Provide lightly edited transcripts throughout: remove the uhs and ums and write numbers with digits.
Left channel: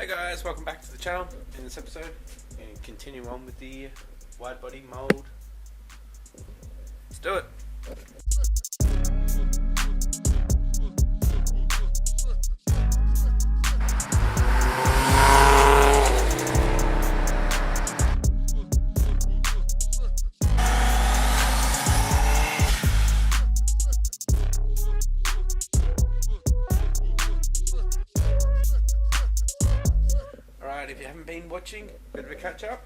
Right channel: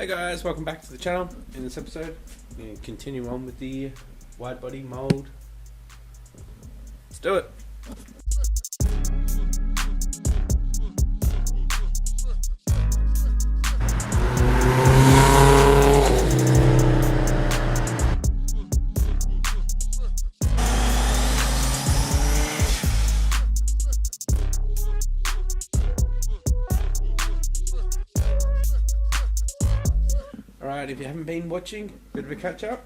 Hey guys, welcome back to the channel. In this episode, we're going to continue on with the wide body mold. Let's do it. Alright, if you haven't been watching, bit of a catch up.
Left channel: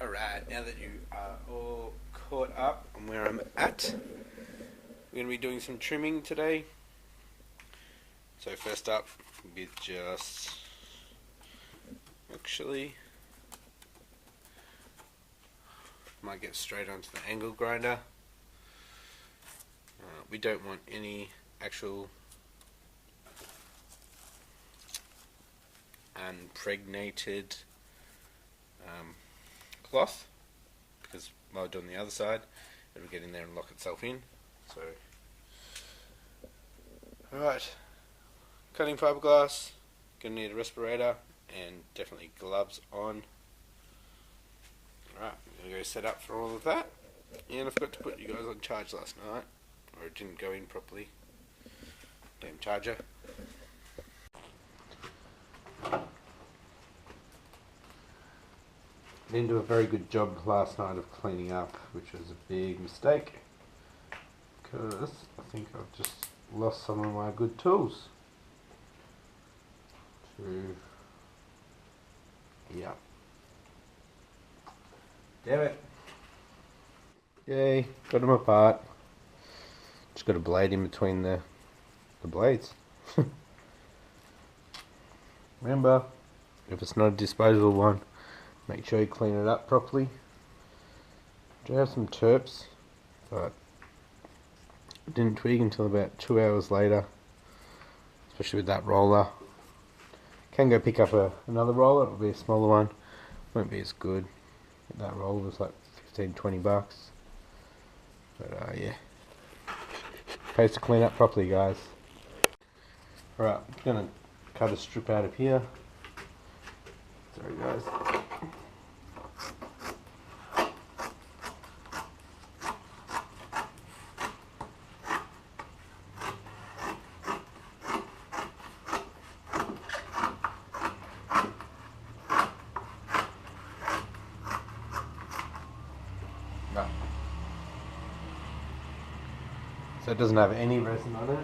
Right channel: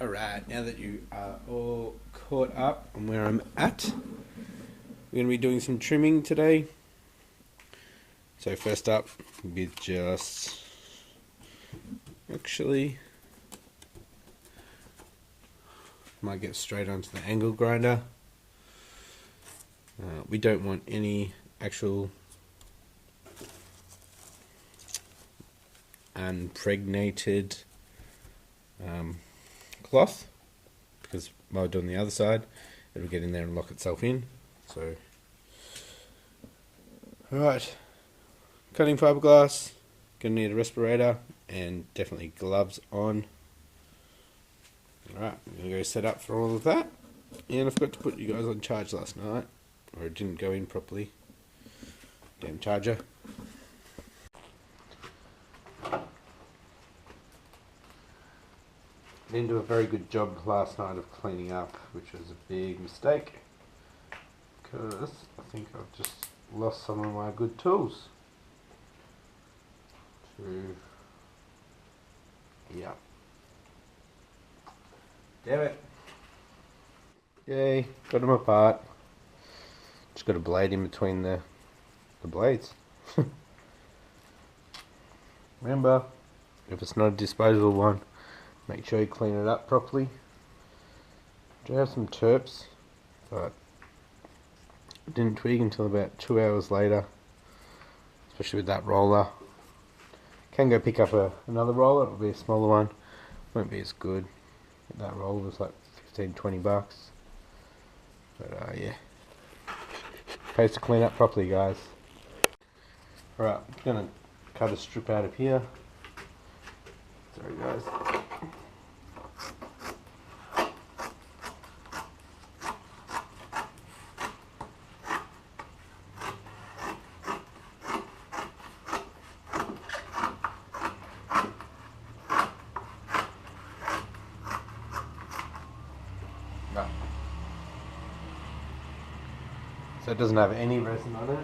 Alright, now that you are all caught up on where I'm at, we're going to be doing some trimming today. So first up, we just actually might get straight onto the angle grinder. We don't want any actual impregnated cloth, because while doing the other side it'll get in there and lock itself in. So alright, cutting fiberglass, gonna need a respirator and definitely gloves on. Alright, I'm gonna go set up for all of that, and I forgot to put you guys on charge last night, or it didn't go in properly. Damn charger. Didn't do a very good job last night of cleaning up, which was a big mistake, because I think I've just lost some of my good tools. Yeah. Damn it. Yay, got them apart. Just got a blade in between the blades. Remember, if it's not a disposable one, make sure you clean it up properly. Do have some terps, but I didn't twig until about 2 hours later, especially with that roller. Can go pick up another roller, it'll be a smaller one, won't be as good. That roller was like 15-20 bucks. But yeah, pays to clean up properly, guys. Alright, I'm gonna cut a strip out of here. Sorry guys. No. So it doesn't have any resin on it.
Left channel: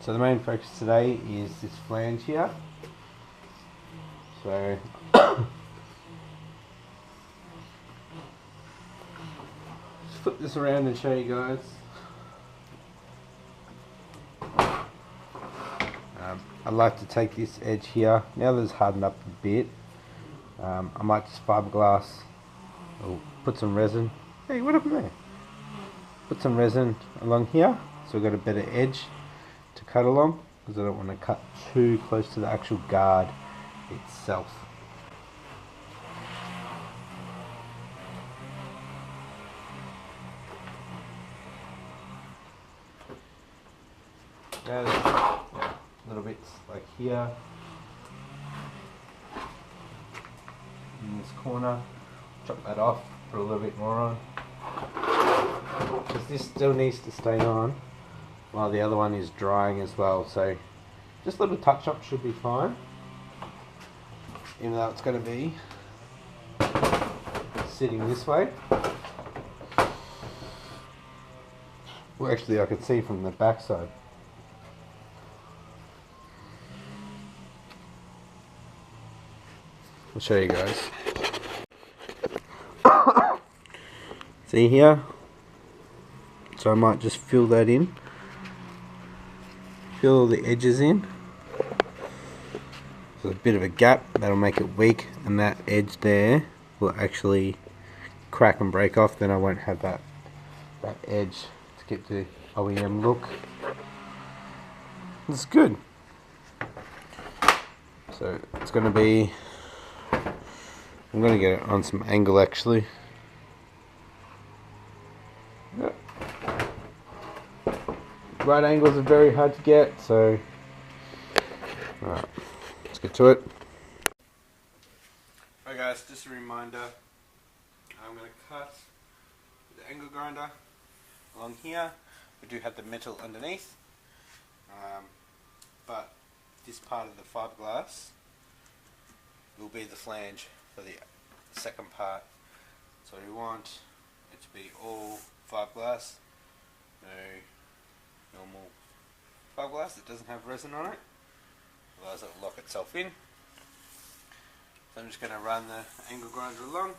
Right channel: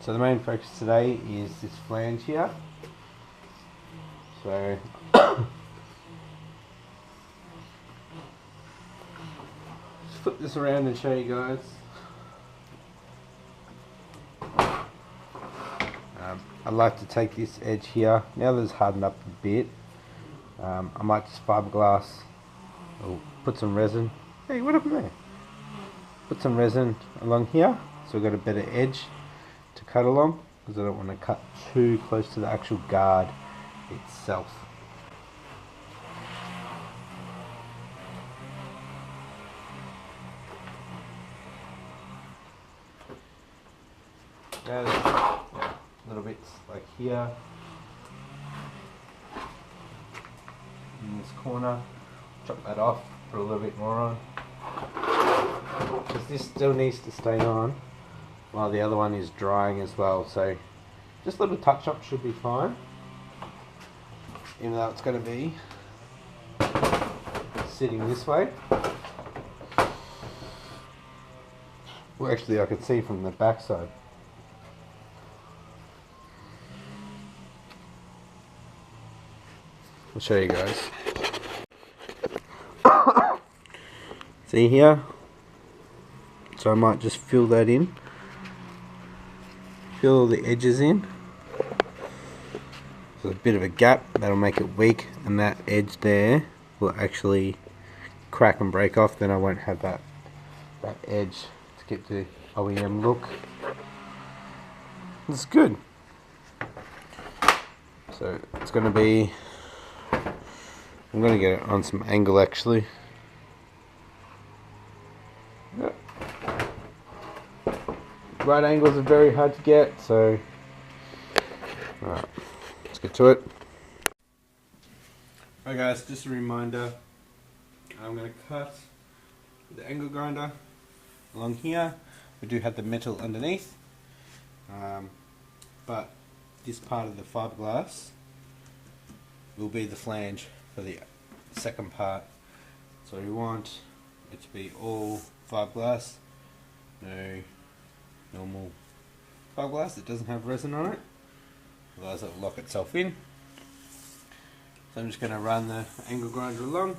So the main focus today is this flange here. So just flip this around and show you guys. I'd like to take this edge here, now that it's hardened up a bit, I might just fiberglass or put some resin. Hey, what happened there? Put some resin along here so we've got a better edge to cut along, because I don't want to cut too close to the actual guard itself. Now, little bits like here in this corner, chop that off, put a little bit more on, because this still needs to stay on while the other one is drying as well. So just a little touch up should be fine, even though it's going to be sitting this way. Well, actually I could see from the back side. I'll show you guys. See here? so I might just fill that in. Fill all the edges in. There's a bit of a gap, that'll make it weak, and that edge there will actually crack and break off. Then I won't have that edge to get the OEM look. It's good. So it's going to be, I'm going to get it on some angle actually. Yep. Right angles are very hard to get, so alright, let's get to it. Alright guys, just a reminder, I'm going to cut the angle grinder along here. We do have the metal underneath, but this part of the fiberglass will be the flange for the second part. So we want it to be all fiberglass, no normal fiberglass that doesn't have resin on it, otherwise it will lock itself in. So I'm just going to run the angle grinder along,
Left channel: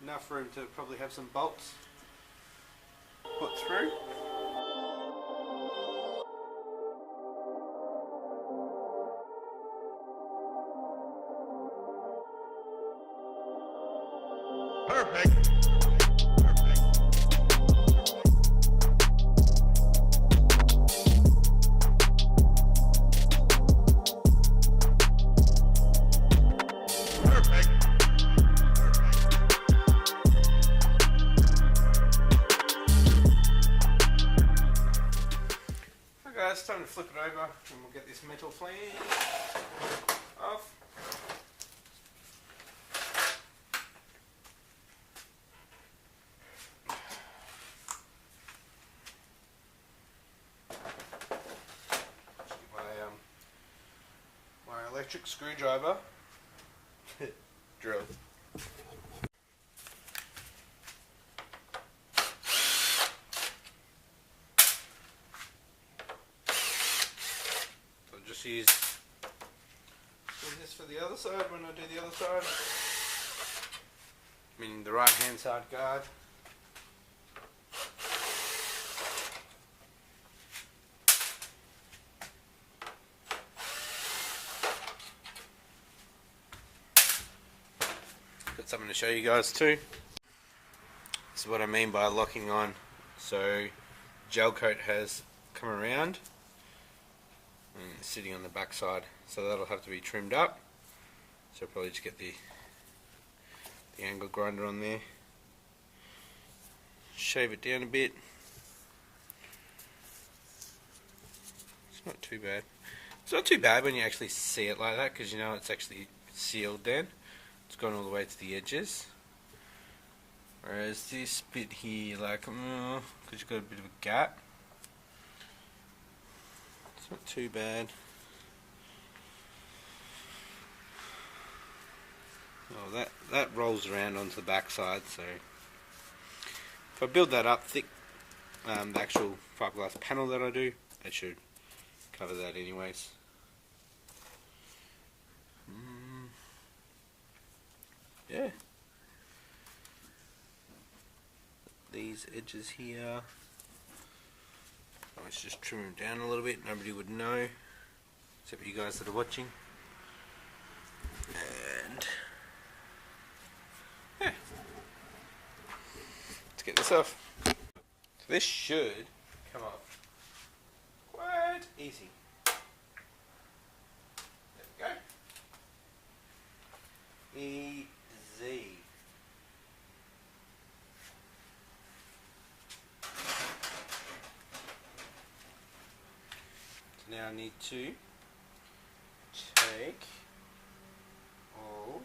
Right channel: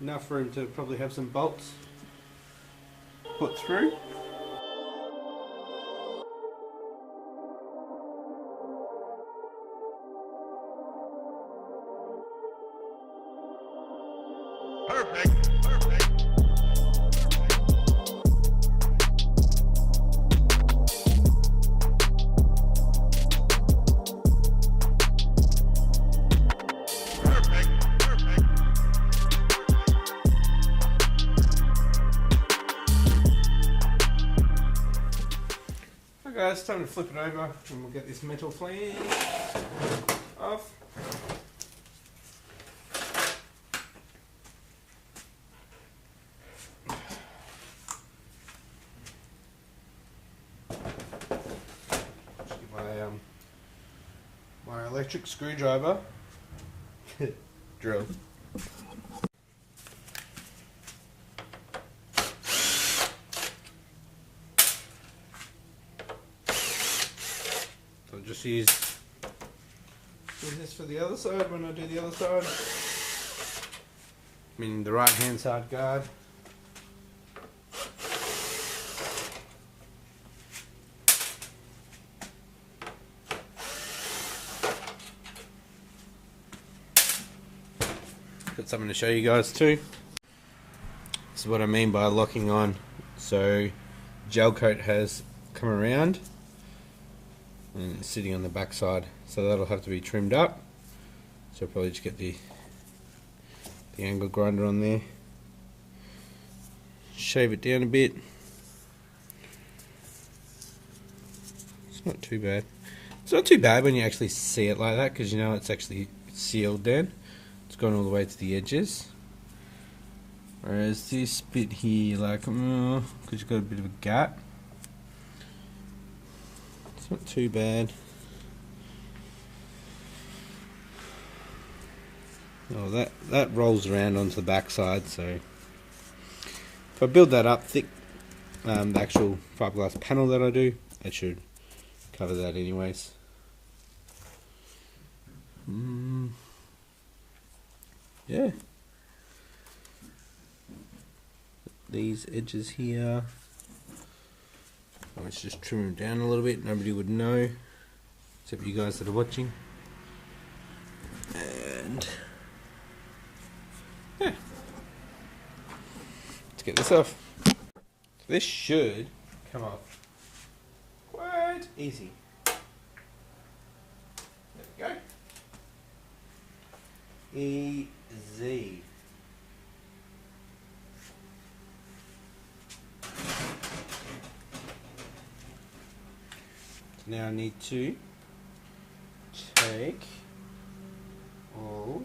enough room to probably have some bolts put through. Perfect. Okay guys, it's time to flip it over and we'll get this metal flange off. My electric screwdriver drill. So I'll just use this for the other side when I do the other side, meaning the right hand side guard. Got something to show you guys too. This is what I mean by locking on. So gel coat has come around and it's sitting on the back side, so that'll have to be trimmed up. So I'll probably just get the angle grinder on there, shave it down a bit. It's not too bad. It's not too bad when you actually see it like that, because you know it's actually sealed then. It's gone all the way to the edges. Whereas this bit here, like, because you've got a bit of a gap. It's not too bad. Oh, that rolls around onto the back side, so if I build that up thick, the actual fiberglass panel that I do, it should cover that anyways. Yeah. These edges here, let's just trim them down a little bit. Nobody would know except you guys that are watching. And yeah, let's get this off. So this should come off quite easy. There we go. Easy. Now I need to take all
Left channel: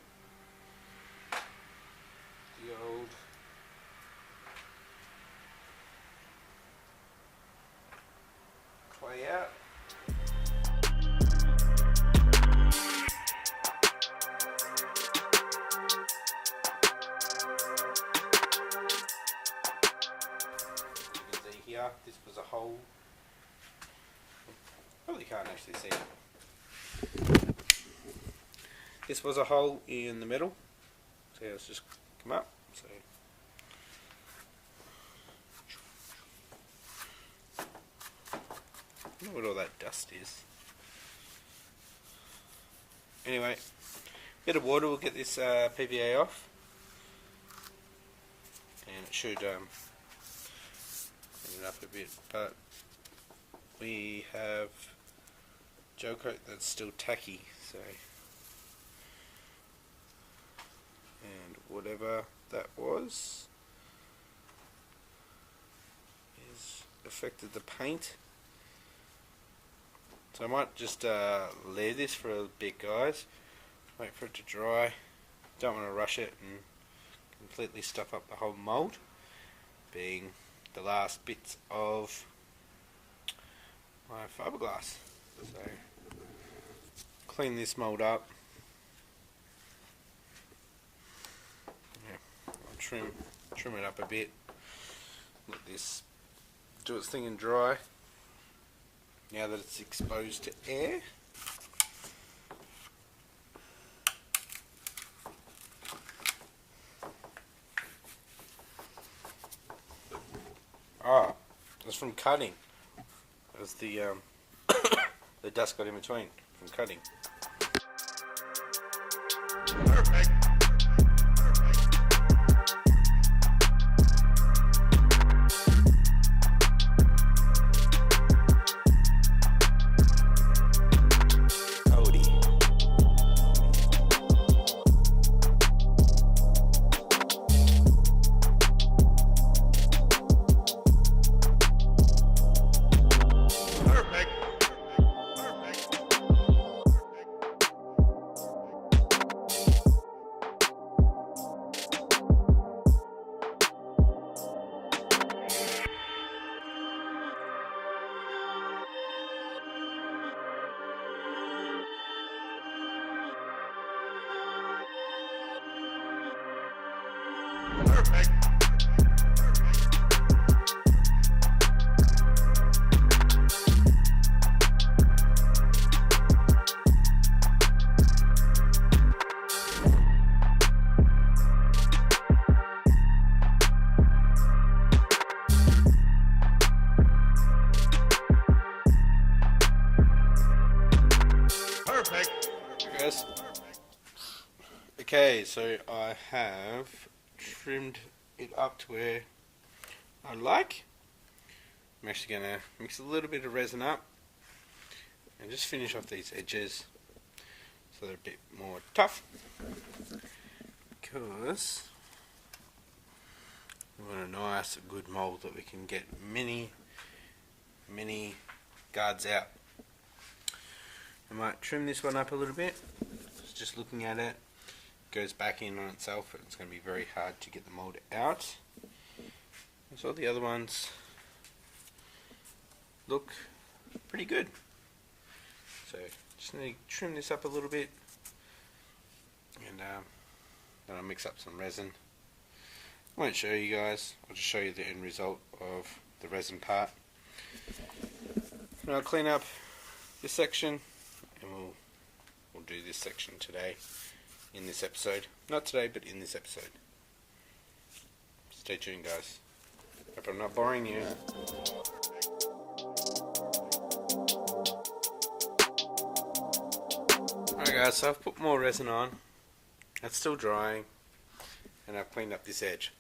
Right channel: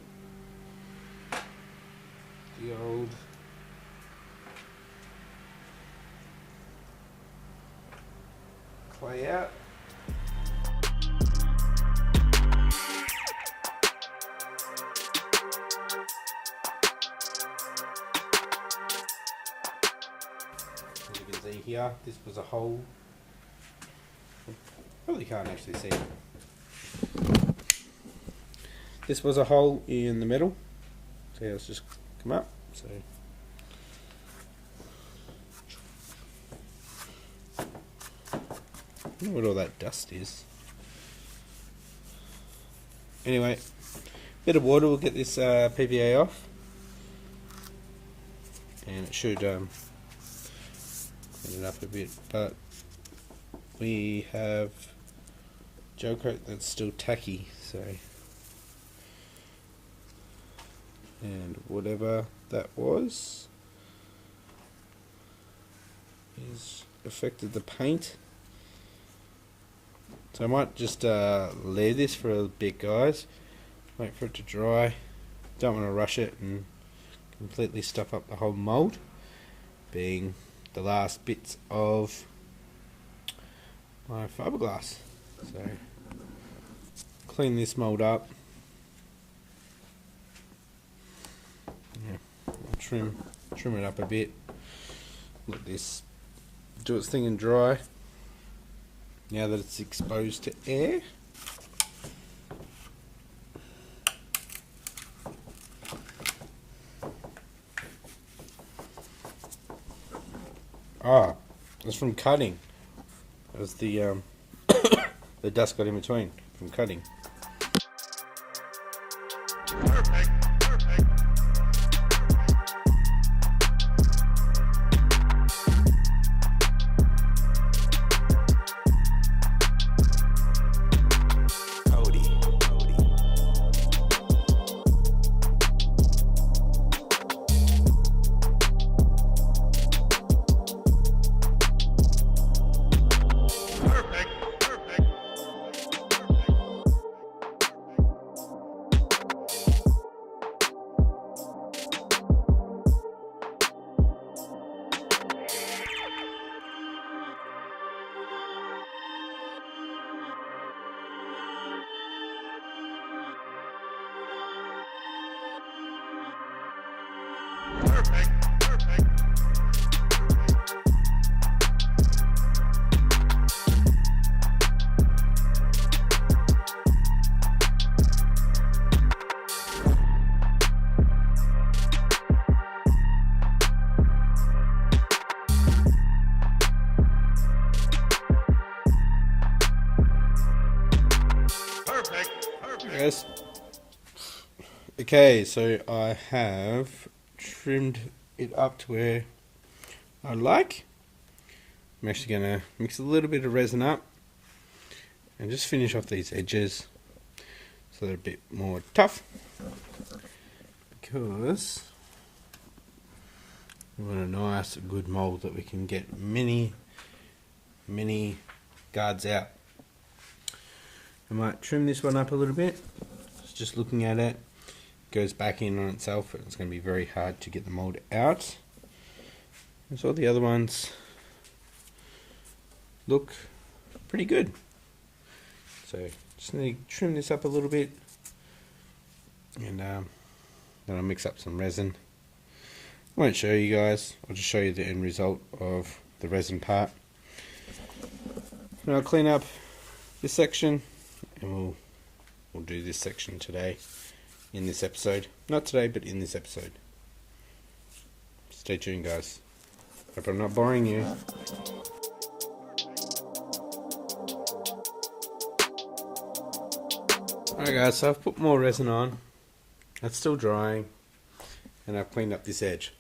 the old clay out. As you can see here, this was a hole. Probably can't actually see it. This was a hole in the metal. See how it's just come up. So I don't know what all that dust is. Anyway, bit of water will get this PVA off, and it should clean it up a bit. But we have gel coat that's still tacky, so, and whatever that was is affected the paint. So I might just layer this for a bit, guys. Wait for it to dry. Don't want to rush it and completely stuff up the whole mould, being the last bits of my fiberglass. So clean this mould up. Yeah, trim it up a bit. Let this do its thing and dry. Now that it's exposed to air, it's from cutting. It was the the dust got in between from cutting. Perfect. Yes. Okay, so I have trimmed it up to where I like. I'm actually going to mix a little bit of resin up and just finish off these edges so they're a bit more tough, because we want a nice good mould that we can get many guards out. I might trim this one up a little bit. Just looking at it, goes back in on itself. It's going to be very hard to get the mold out. And so the other ones look pretty good. So just need to trim this up a little bit, and then I'll mix up some resin. I won't show you guys. I'll just show you the end result of the resin part. And I'll clean up this section, and we'll do this section today in this episode. Not today, but in this episode. Stay tuned, guys. Hope I'm not boring you. Alright guys, so I've put more resin on. It's still drying, and I've cleaned up this edge.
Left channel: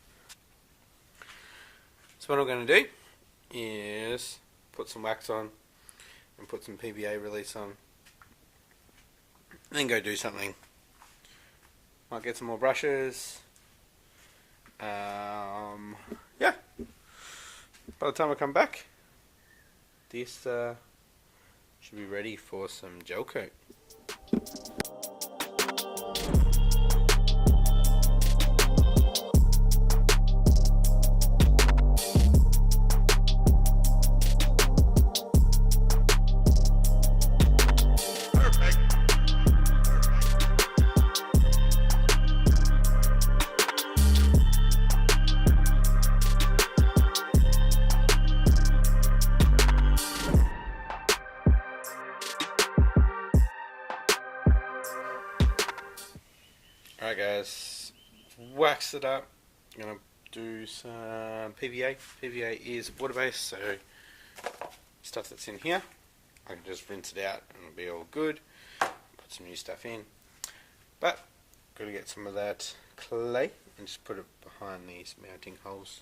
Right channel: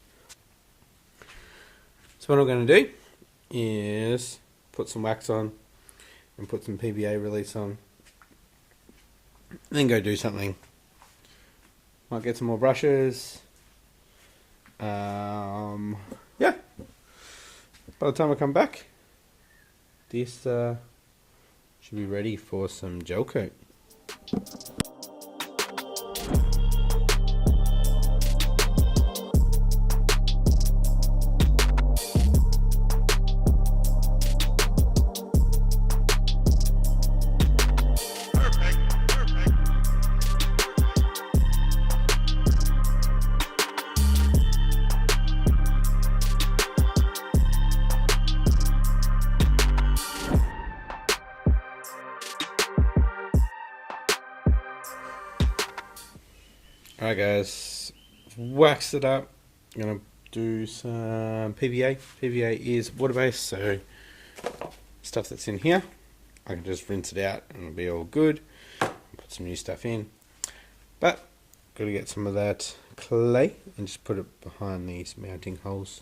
So what I'm going to do is put some wax on and put some PVA release on, then go do something. Might get some more brushes. Yeah. By the time I come back, this should be ready for some gel coat. Alright guys, waxed it up. I'm going to do some PVA. PVA is water based, so stuff that's in here I can just rinse it out and it'll be all good. Put some new stuff in. But got to get some of that clay and just put it behind these mounting holes.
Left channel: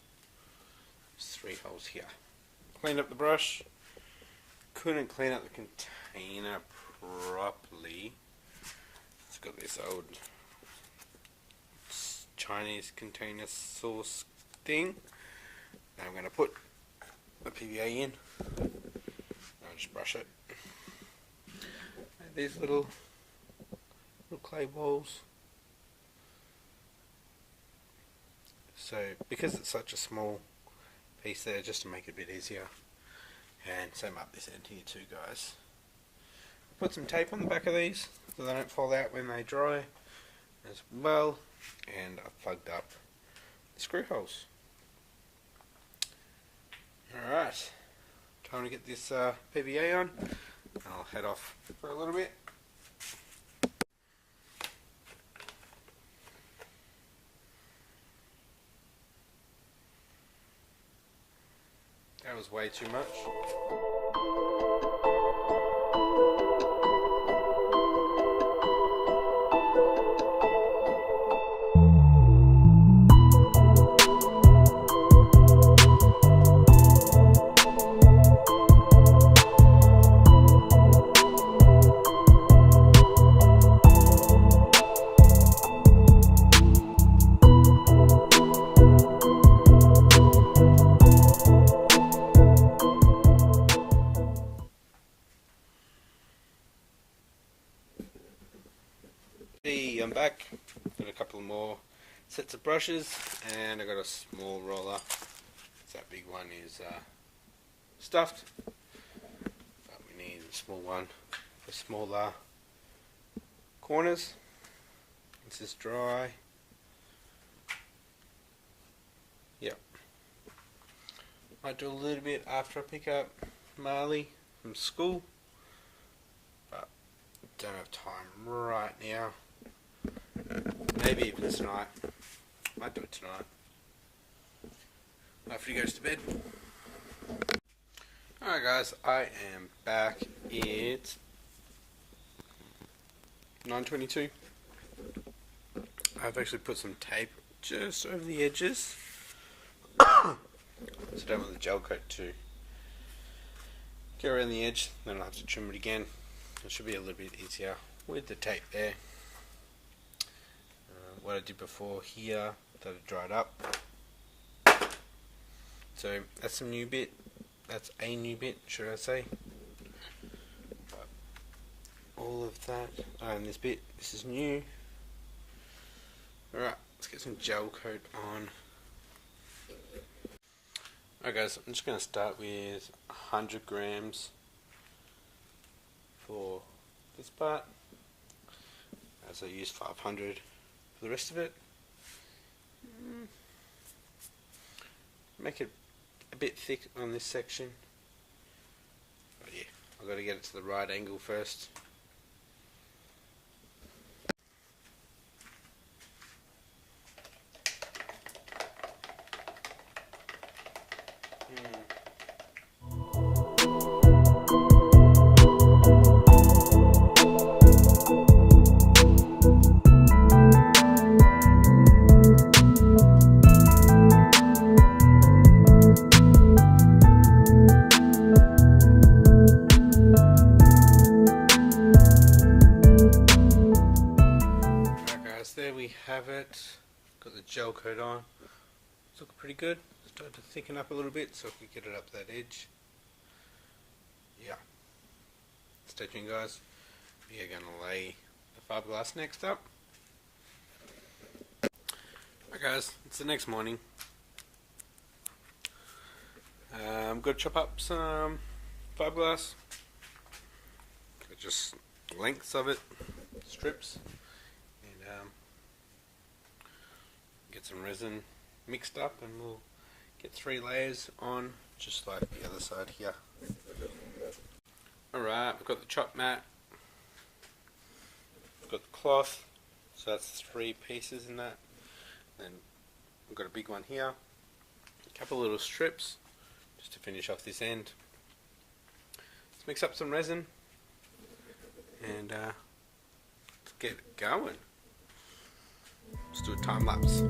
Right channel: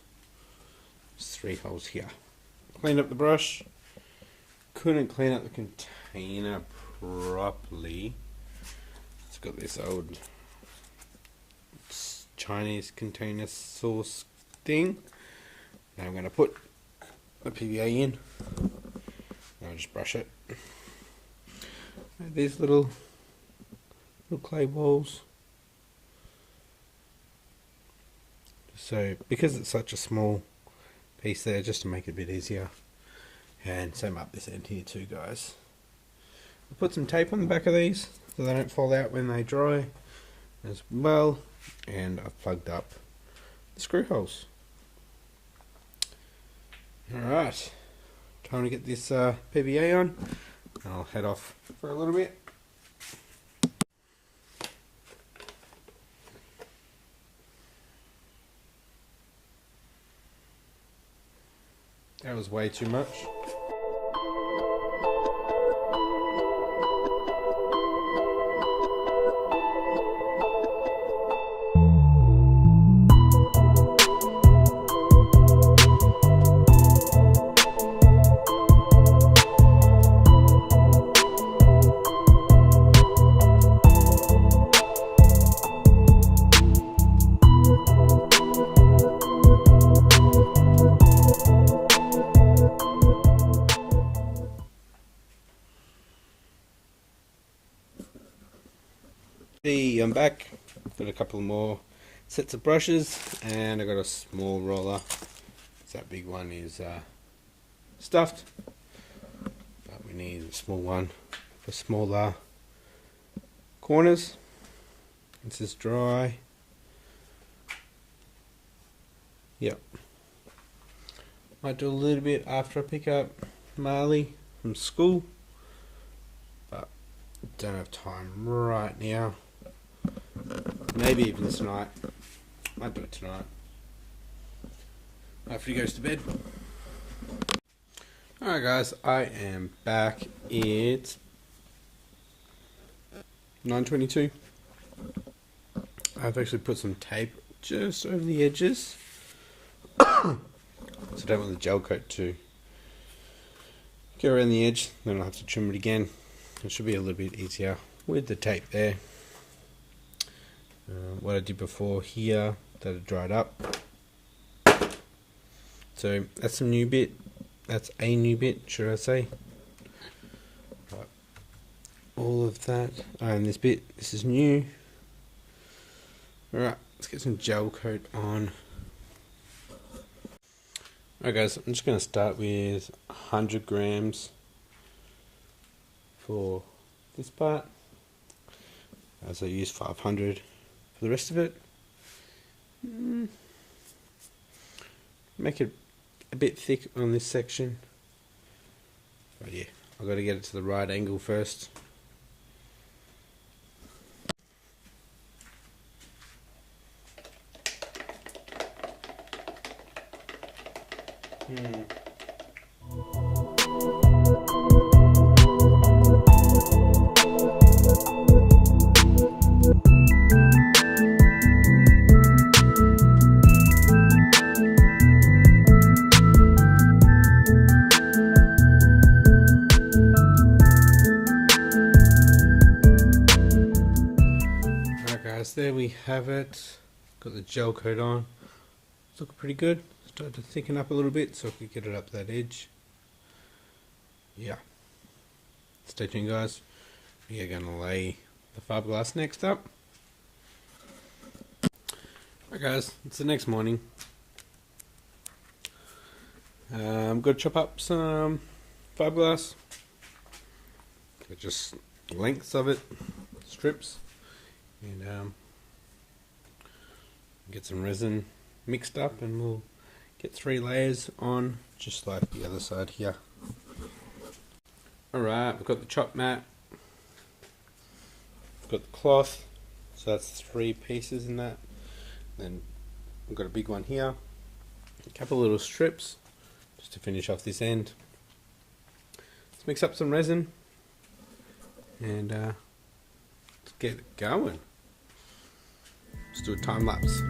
There's 3 holes here. Cleaned up the brush. Couldn't clean up the container properly. It's got this old Chinese container sauce thing. Now I'm going to put the PVA in. I'll just brush it. These little clay balls. So because it's such a small piece there, just to make it a bit easier, and same up this end here too, guys. I'll put some tape on the back of these so they don't fall out when they dry as well, and I've plugged up the screw holes. Alright, time to get this PVA on. I'll head off for a little bit. That was way too much. I'm back. Got a couple more sets of brushes, and I got a small roller. That big one is stuffed, but we need a small one for smaller corners. This is dry. Yep. Might do a little bit after I pick up Marley from school, but don't have time right now. Maybe even tonight. Might do it tonight after he goes to bed. Alright guys, I am back. It's 9:22. I've actually put some tape just over the edges. So I don't want the gel coat to get around the edge, then I'll have to trim it again. It should be a little bit easier with the tape there. What I did before here, that it dried up. So that's a new bit. That's a new bit, should I say? But all of that, and this bit, this is new. Alright, let's get some gel coat on. Alright guys, I'm just going to start with 100 grams for this part, as I use 500 for the rest of it. Make it a bit thick on this section, but yeah, I've got to get it to the right angle first. There we have it. Got the gel coat on. It's looking pretty good. Started to thicken up a little bit so I could get it up that edge. Yeah. Stay tuned guys. We are going to lay the fiberglass next up. Alright guys, it's the next morning. I'm going to chop up some fiberglass. Just lengths of it, strips. And get some resin mixed up, and we'll get 3 layers on, just like the other side here. Alright, we've got the chop mat, we've got the cloth, so that's 3 pieces in that. Then we've got a big one here, a couple little strips just to finish off this end. let's mix up some resin and let's get it going. Let's do a time lapse.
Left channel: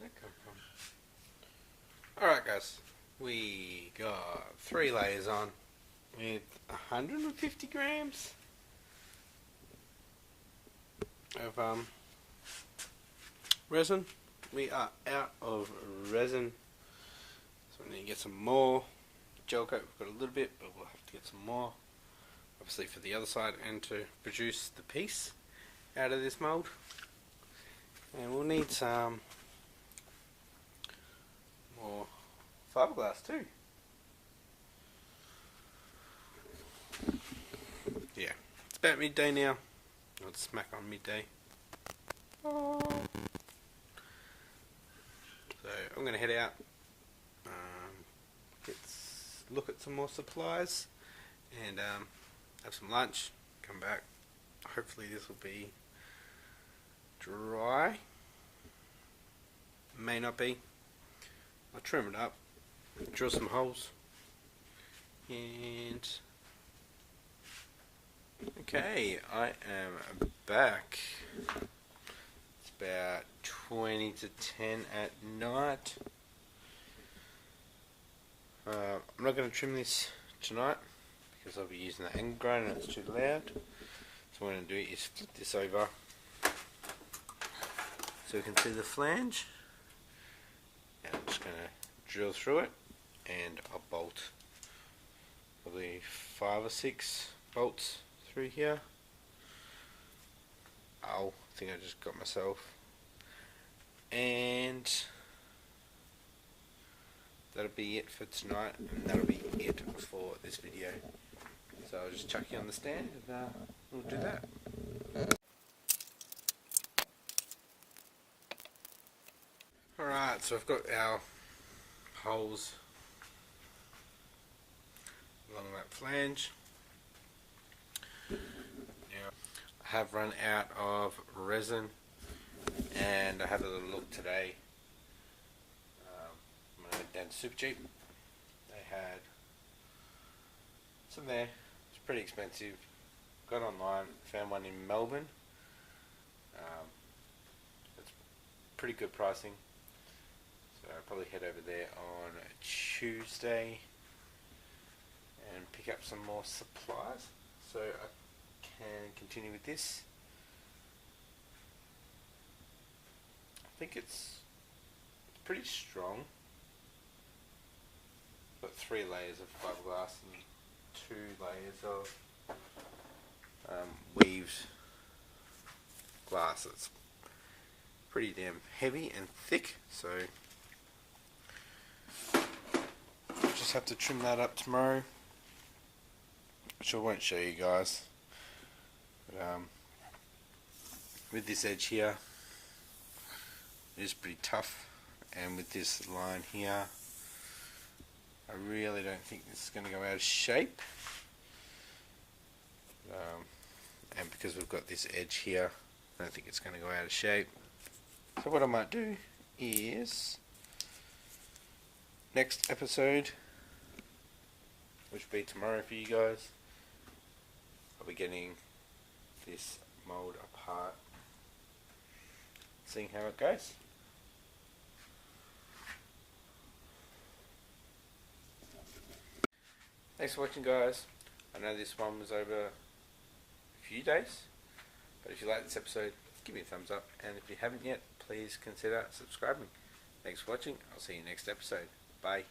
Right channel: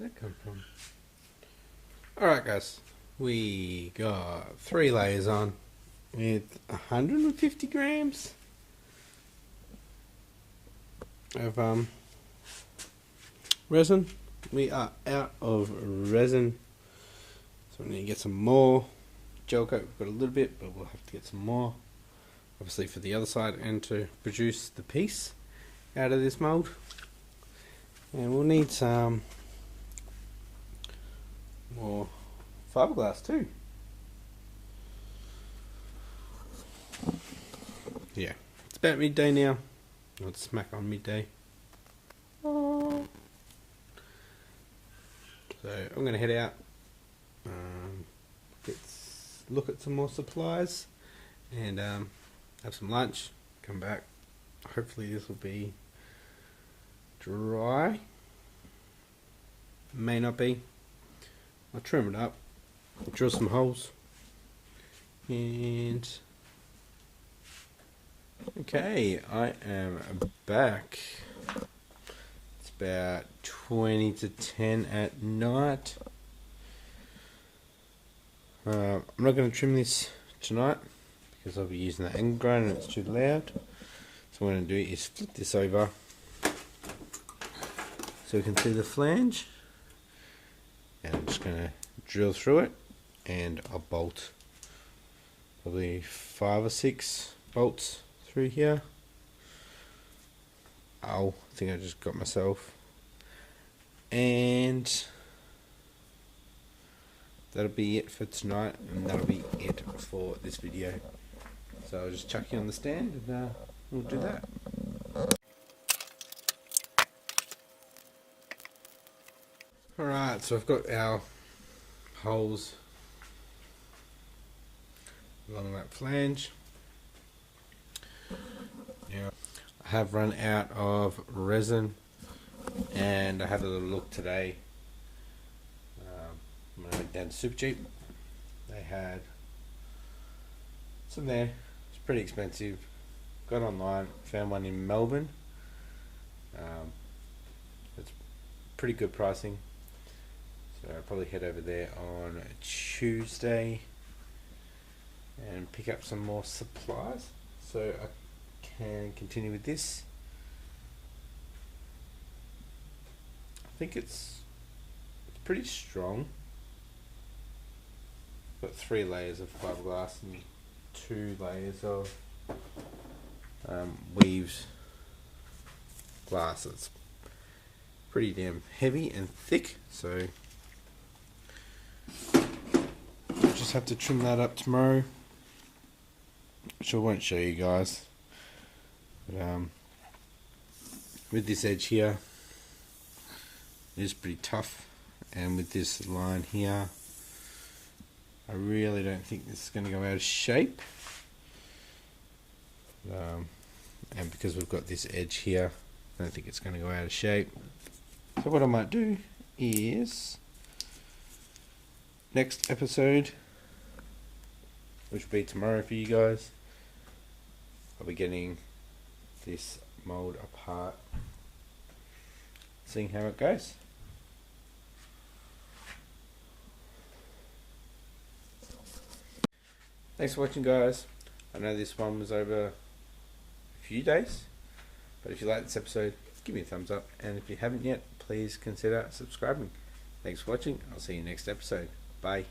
That come from? Alright guys, we got 3 layers on with 150 grams of resin. We are out of resin, so we need to get some more. Gel coat, we've got a little bit, but we'll have to get some more, obviously for the other side and to produce the piece out of this mould. And we'll need some more fiberglass too. Yeah, it's about midday now. It's smack on midday. So I'm going to head out, look at some more supplies, and have some lunch. Come back. Hopefully this will be dry. May not be. I'll trim it up, drill some holes, and okay, I am back. It's about 20 to 10 at night. I'm not going to trim this tonight because I'll be using the angle grinder and it's too loud. So what I'm going to do is flip this over so we can see the flange. And I'm just going to drill through it, and I'll bolt probably 5 or 6 bolts through here. Oh, I think I just got myself. And that'll be it for tonight, and that'll be it for this video. So I'll just chuck you on the stand and we'll do that. Alright, so I've got our holes along that flange. Now, I have run out of resin, and I had a little look today. When I went down to Supercheap, they had some there. It's pretty expensive. Got online, found one in Melbourne. It's pretty good pricing. So I'll probably head over there on Tuesday and pick up some more supplies so I can continue with this. I think it's pretty strong. Got 3 layers of fiberglass and 2 layers of weaved glass. It's pretty damn heavy and thick, so I'll just have to trim that up tomorrow, which I won't show you guys. But with this edge here, it is pretty tough, and with this line here, I really don't think this is going to go out of shape. And because we've got this edge here, I don't think it's going to go out of shape. So what I might do is, next episode, which will be tomorrow for you guys, I'll be getting this mould apart, seeing how it goes. Thanks for watching, guys. I know this one was over a few days, but if you like this episode, give me a thumbs up, and if you haven't yet, please consider subscribing. Thanks for watching. I'll see you next episode. Bye.